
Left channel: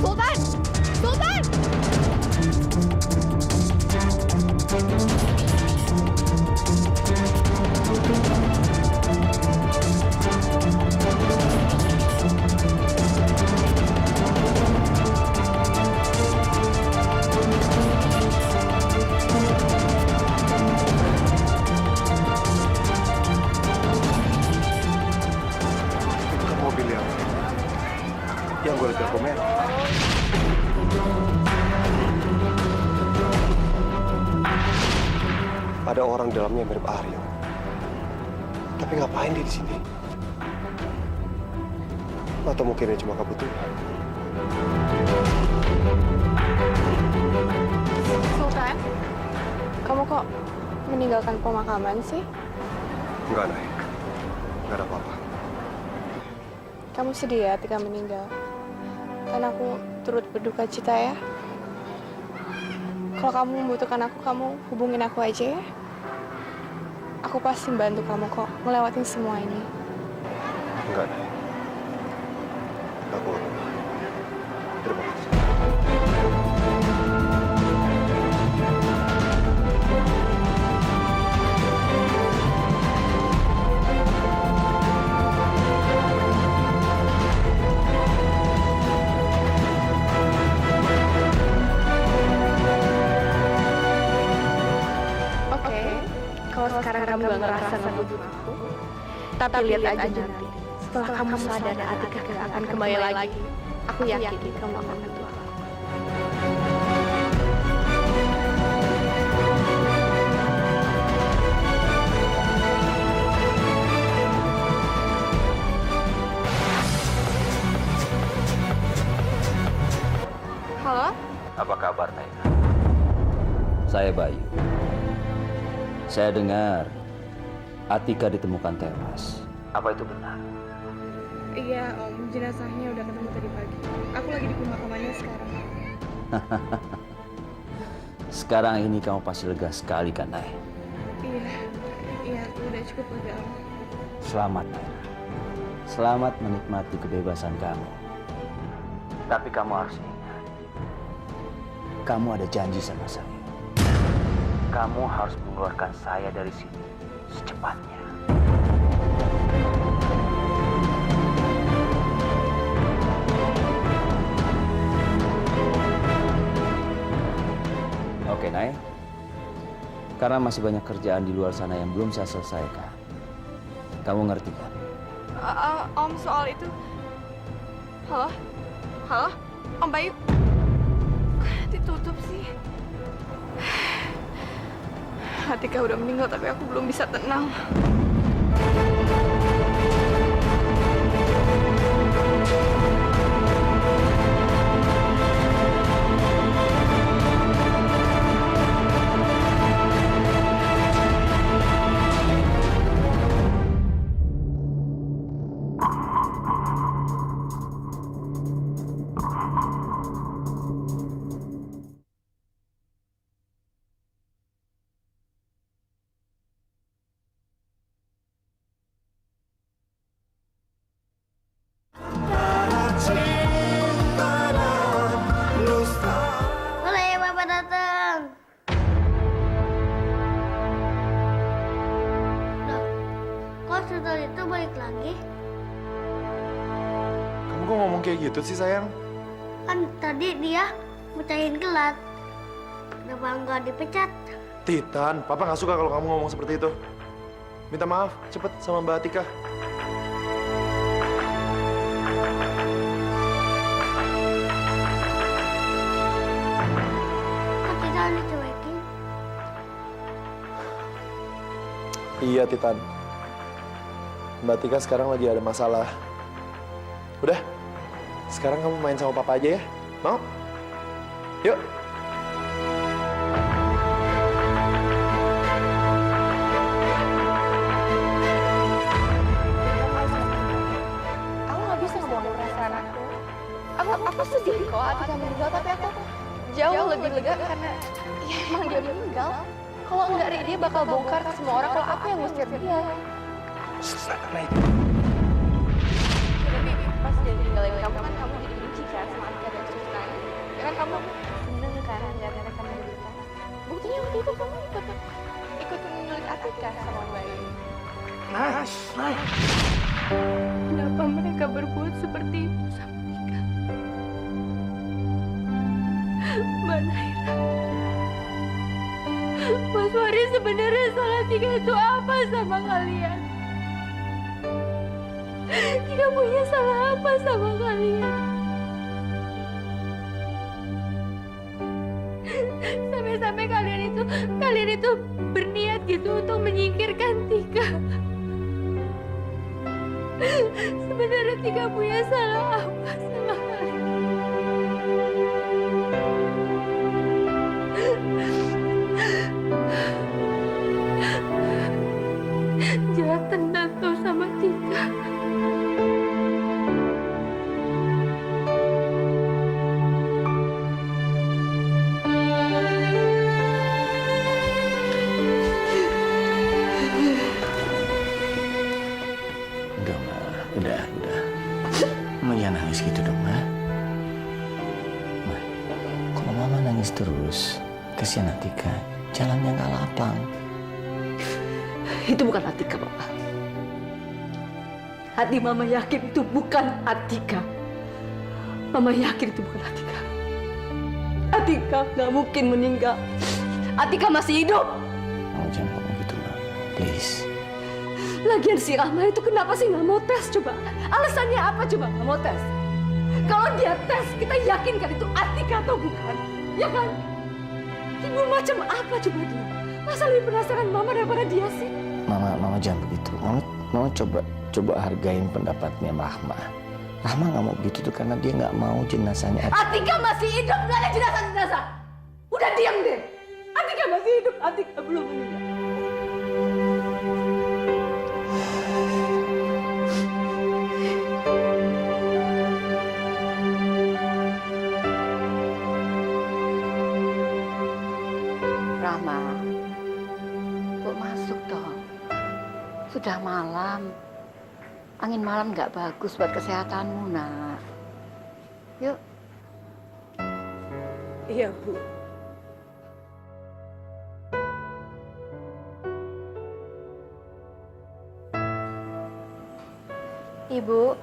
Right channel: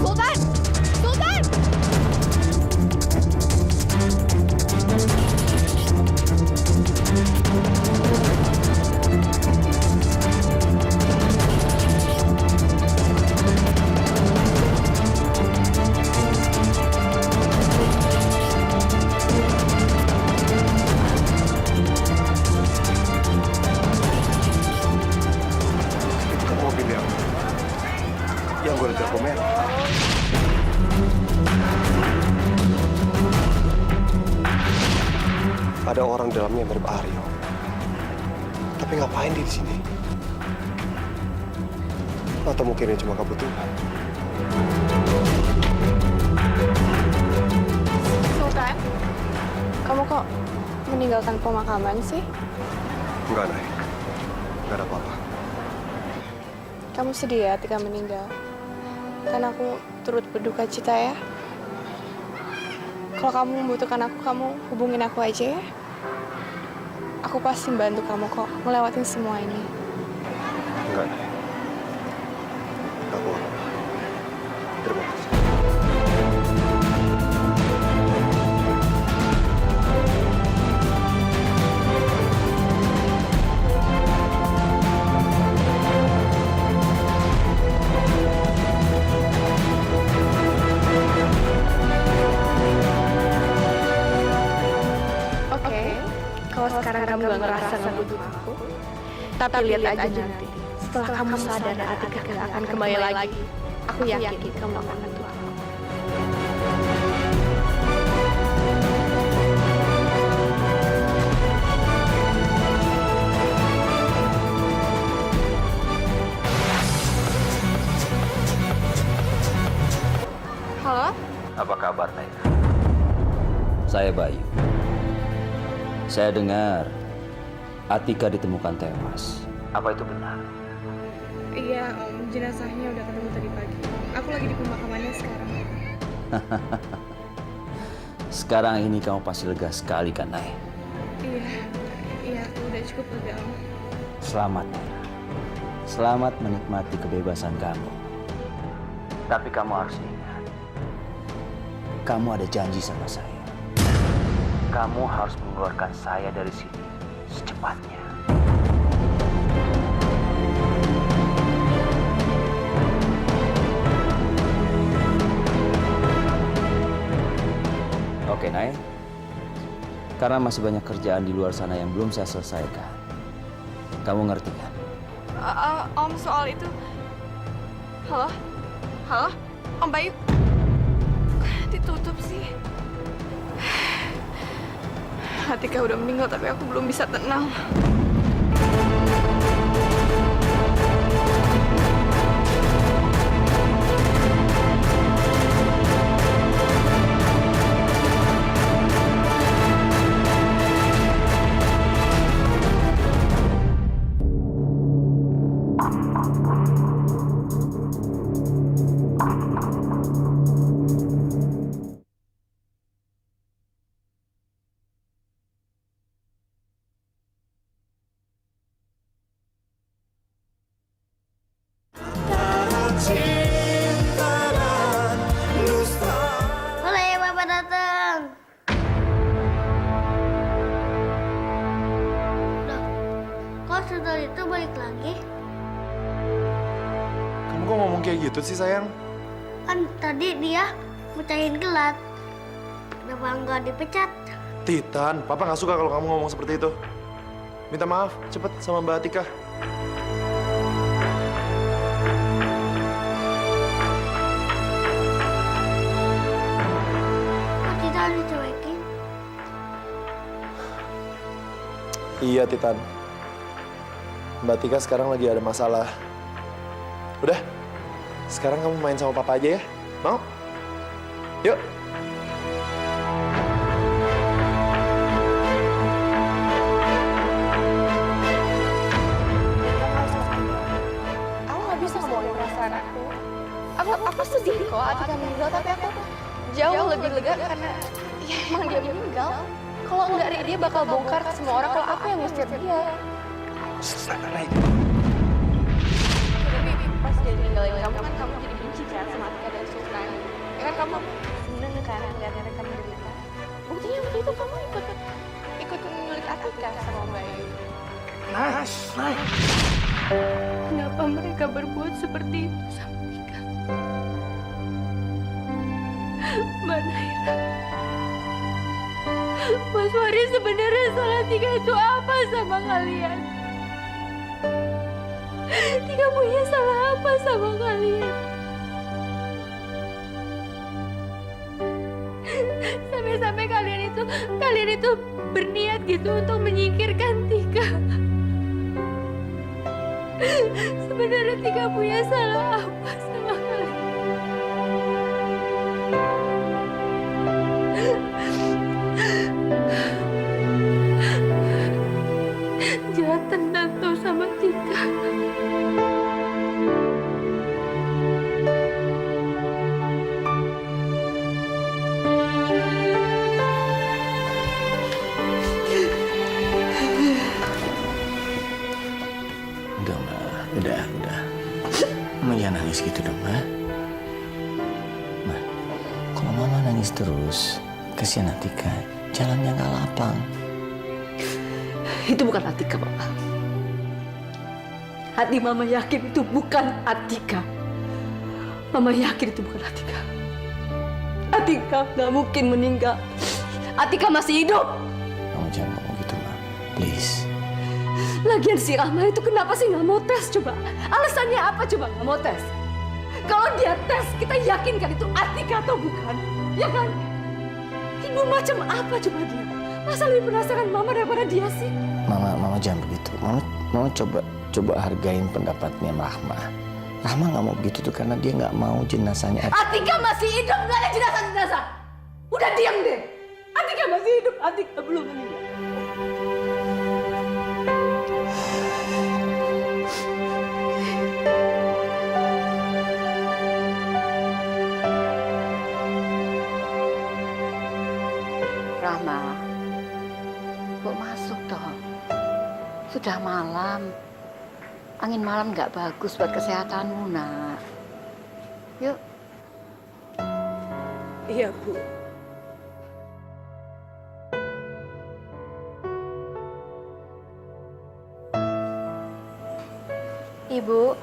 Sultan! Sultan! Itu kan mobil yang gue lihat merah. Ada orang dalamnya mirip Aryo. Tapi ngapain dia di sini? Atau mungkin ini cuma kebetulan? Sultan, kamu kok meninggalkan pemakaman sih? Enggak, Nay. Enggak ada apa-apa. Kamu sedih ya Tika meninggal? Kan aku turut berduka cita ya. Kalau kamu membutuhkan aku, kamu hubungin aku aja ya. Aku pasti bantu kamu kok ngelewatin semua ini. Enggak, Nay. Aku nggak apa-apa. Terima kasih. Oke, kalau sekarang kamu gak ngerasa ngebutuh aku, tapi lihat aja nanti. Setelah kamu sadar Atika gak akan kembali lagi, aku yakin kamu akan bantu aku. Apa kabar, Naira? Saya Bayu. Saya dengar Atika ditemukan tewas. Apa itu benar? Iya, Om. Jenazahnya udah ketemu tadi pagi. Aku lagi di pemakamannya sekarang. Sekarang ini kamu pasti lega sekali kan, Nay? Iya, aku udah cukup lega, Om. Selamat, Naira. Selamat menikmati kebebasan kamu. Tapi kamu harus ingat, kamu ada janji sama saya. Kamu harus mengeluarkan saya dari sini secepatnya. Oke, Nay. Karena masih banyak kerjaan di luar sana yang belum saya selesaikan. Kamu ngerti kan? Om, soal itu... Halo? Halo? Om Bayu? Kok ditutup sih? Atika udah meninggal tapi aku belum bisa tenang. Boleh Bapak datang. Loh, kok Sudol itu balik lagi? Kamu kok ngomong kayak gitu sih, sayang? Kan tadi dia mecahin gelat. Kenapa nggak dipecat? Titan, Papa nggak suka kalau kamu ngomong seperti itu. Minta maaf, cepet sama Mbak Atika. Kok Titan dicuekin? Iya, Titan. Mbak Tika sekarang lagi ada masalah. Udah, sekarang kamu main sama Papa aja ya. Mau? Yuk. Aku nggak bisa ngebohongin perasaan aku. Aku sedih kok Atika meninggal, tapi aku jauh lebih lega karena ya emang dia meninggal. Kalau enggak, dia bakal bongkar ke semua orang kalau aku yang ngusir dia. Tapi pas dia ninggalin kamu kan kamu jadi benci kan sama Atika dan Sultan. Ya kan kamu seneng kan ngeliat mereka menderita. Buktinya waktu itu kamu ikut nyulik Atika sama Bayu. Kenapa mereka berbuat seperti itu sama Tika? Mbak Naira, Mas Wari, sebenarnya salah Tika itu apa sama kalian? Tika punya salah apa sama kalian? Sampai-sampai kalian itu berniat gitu untuk menyingkirkan Tika. Sebenarnya Tika punya salah apa sama kalian? Jangan tendang tuh sama Tika. Udah, Ma. Udah. Mama jangan nangis gitu dong, Ma. Ma, kalau Mama nangis terus, kasihan Atika. Jalannya nggak lapang. Itu bukan Atika, Papa. Hati Mama yakin itu bukan Atika. Mama yakin itu bukan Atika. Atika nggak mungkin meninggal. Atika masih hidup. Kamu jangan ngomong gitu, Ma. Please. Lagian si Rahma itu kenapa sih nggak mau tes coba? Alasannya apa coba nggak mau tes? Kalau dia tes, kita yakin kan itu Atika atau bukan? Ya kan? Ibu macam apa coba dia? Masa lebih penasaran Mama daripada dia sih? Mama jangan begitu. Mama coba hargain pendapatnya Rahma. Rahma nggak mau begitu tuh karena dia nggak mau jenazahnya. Atika masih hidup, nggak ada jenazah-jenazah. Udah diam deh. Atika masih hidup, Atika belum meninggal. Rahma, kok masuk dong? Sudah malam. Angin malam nggak bagus buat kesehatanmu, nak. Yuk. Iya, Bu. Ibu.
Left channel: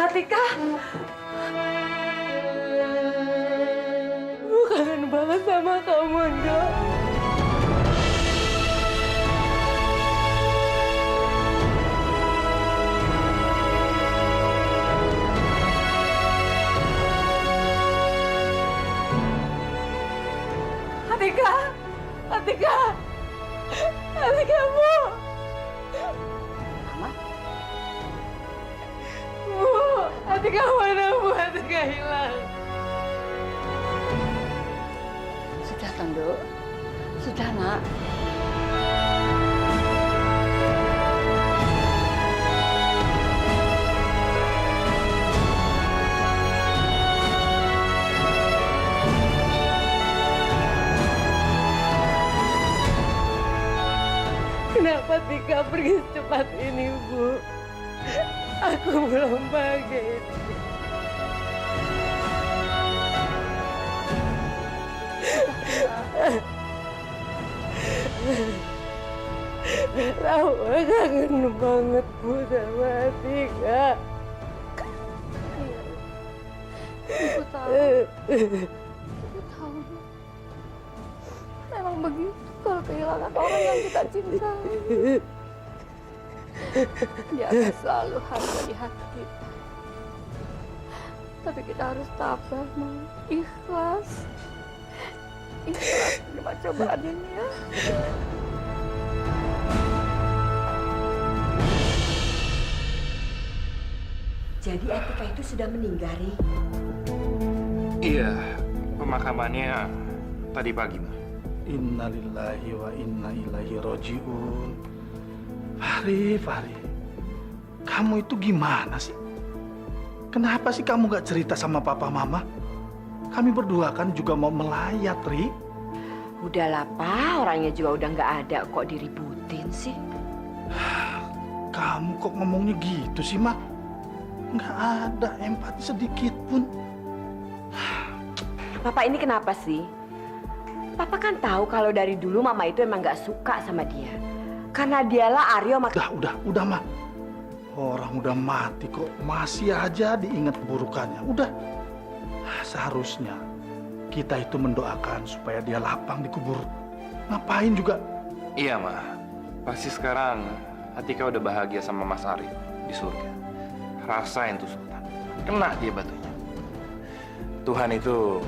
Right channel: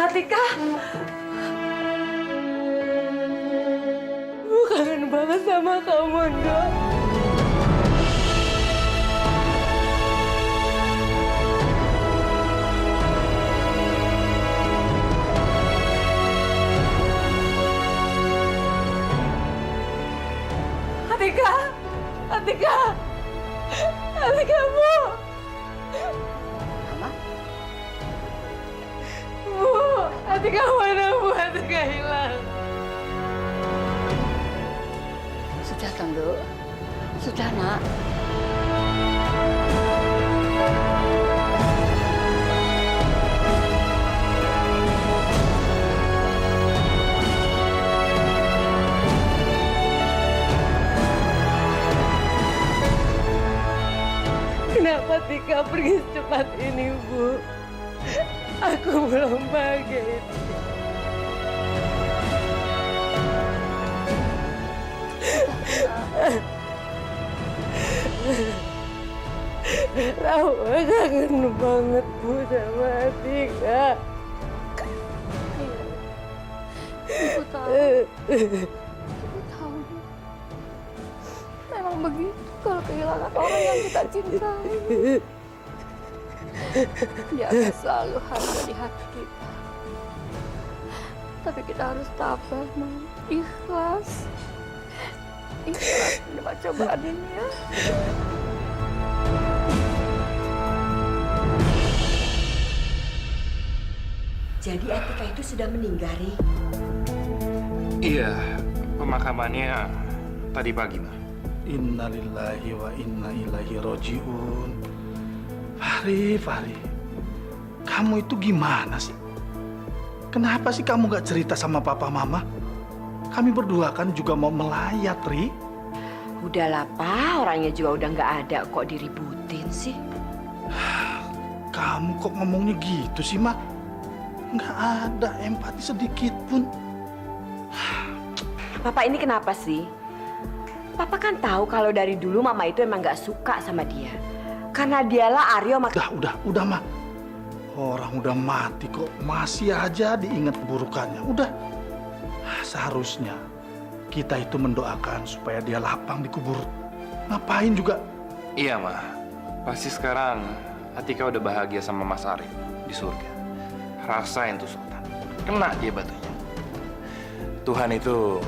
Atika. Gue kangen banget sama kamu, Dok. Atika. Atika. Atika, Bu. Rahma? Bu, Atika mana, Bu? Atika hilang. Sudah, Tondo. Sudah, nak. Kenapa Tika pergi secepat ini, Bu? Aku belum bahagia ini. Rahma kangen banget, Bu, sama Tika. Iya. Ibu tahu. Ibu tahu. Memang begitu kalau kehilangan orang yang kita cintai. Dia akan selalu ada di hati kita. Tapi kita harus tabah, Nak. Ikhlas. Ikhlas menerima cobaan ini ya. Jadi Atika itu sudah meninggal, Ri? Iya, pemakamannya tadi pagi, Ma. Innalillahi wa inna ilaihi roji'un. Fahri, kamu itu gimana sih? Kenapa sih kamu gak cerita sama papa mama? Kami berdua kan juga mau melayat, Ri. Udahlah, Pak. Orangnya juga udah nggak ada, kok diributin sih? Kamu kok ngomongnya gitu sih, Mak? Nggak ada empati sedikit pun. Papa ini kenapa sih? Papa kan tahu kalau dari dulu Mama itu emang nggak suka sama dia. Karena dialah Aryo Udah, Mak. Orang udah mati kok masih aja diingat keburukannya. Udah. Seharusnya kita itu mendoakan supaya dia lapang dikubur. Ngapain juga? Iya, Ma. Pasti sekarang Atika udah bahagia sama Mas Aryo di surga. Rasain tuh Sultan. Kena dia batunya. Tuhan itu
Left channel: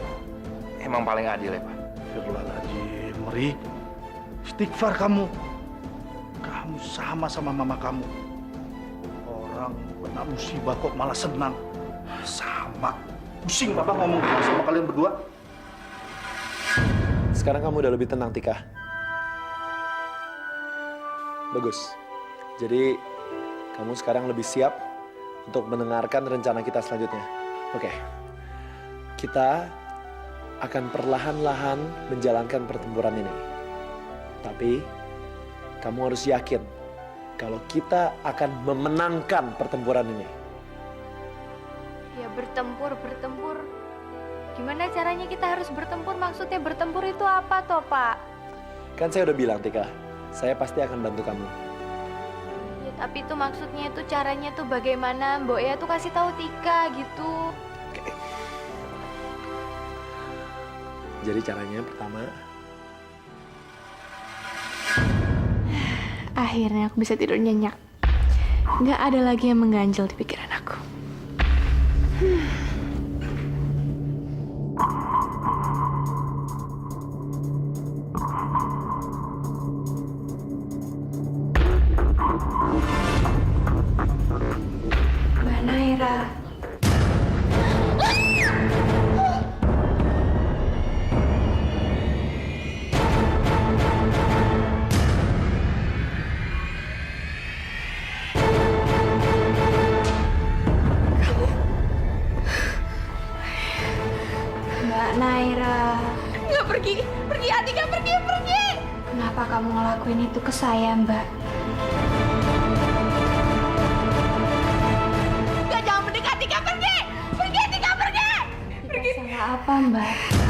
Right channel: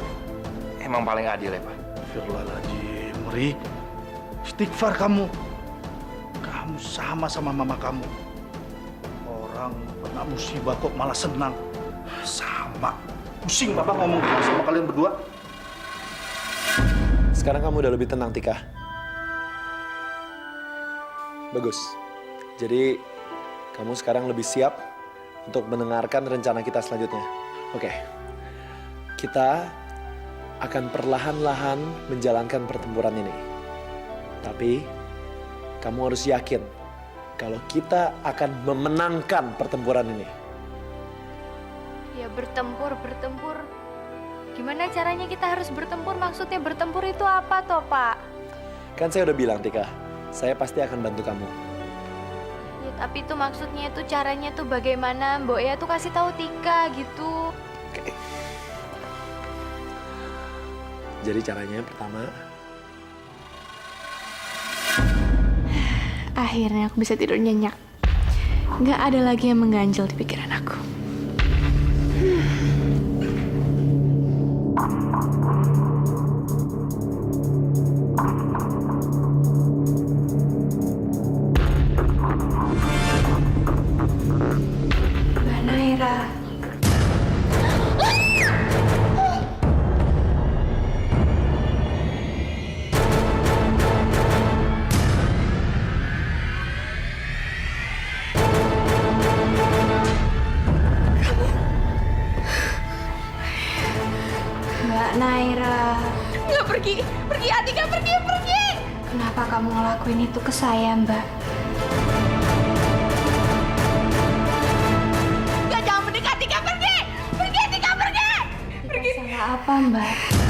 emang paling adil ya, Pak. Firlaladzim, Ri. Istighfar kamu. Kamu sama mama kamu. Orang kena musibah kok malah senang. Sama. Pusing Bapak ngomong sama kalian berdua. Sekarang kamu udah lebih tenang, Tika. Bagus. Jadi, kamu sekarang lebih siap untuk mendengarkan rencana kita selanjutnya. Oke. Kita akan perlahan-lahan menjalankan pertempuran ini. Tapi, kamu harus yakin kalau kita akan memenangkan pertempuran ini. Ya bertempur. Gimana caranya kita harus bertempur? Maksudnya bertempur itu apa toh, Pak? Kan saya udah bilang, Tika, saya pasti akan bantu kamu. Ya tapi itu maksudnya itu caranya tuh bagaimana? Mbok ya tuh kasih tahu Tika gitu. Oke. Jadi caranya pertama. Akhirnya aku bisa tidur nyenyak. Nggak ada lagi yang mengganjal di pikiran aku. Mbak Naira. Mbak Naira. Nggak, pergi Atika, pergi. Kenapa kamu ngelakuin itu ke saya, Mbak? Nggak, jangan mendekat Atika, pergi Atika, pergi. Salah apa, Mbak?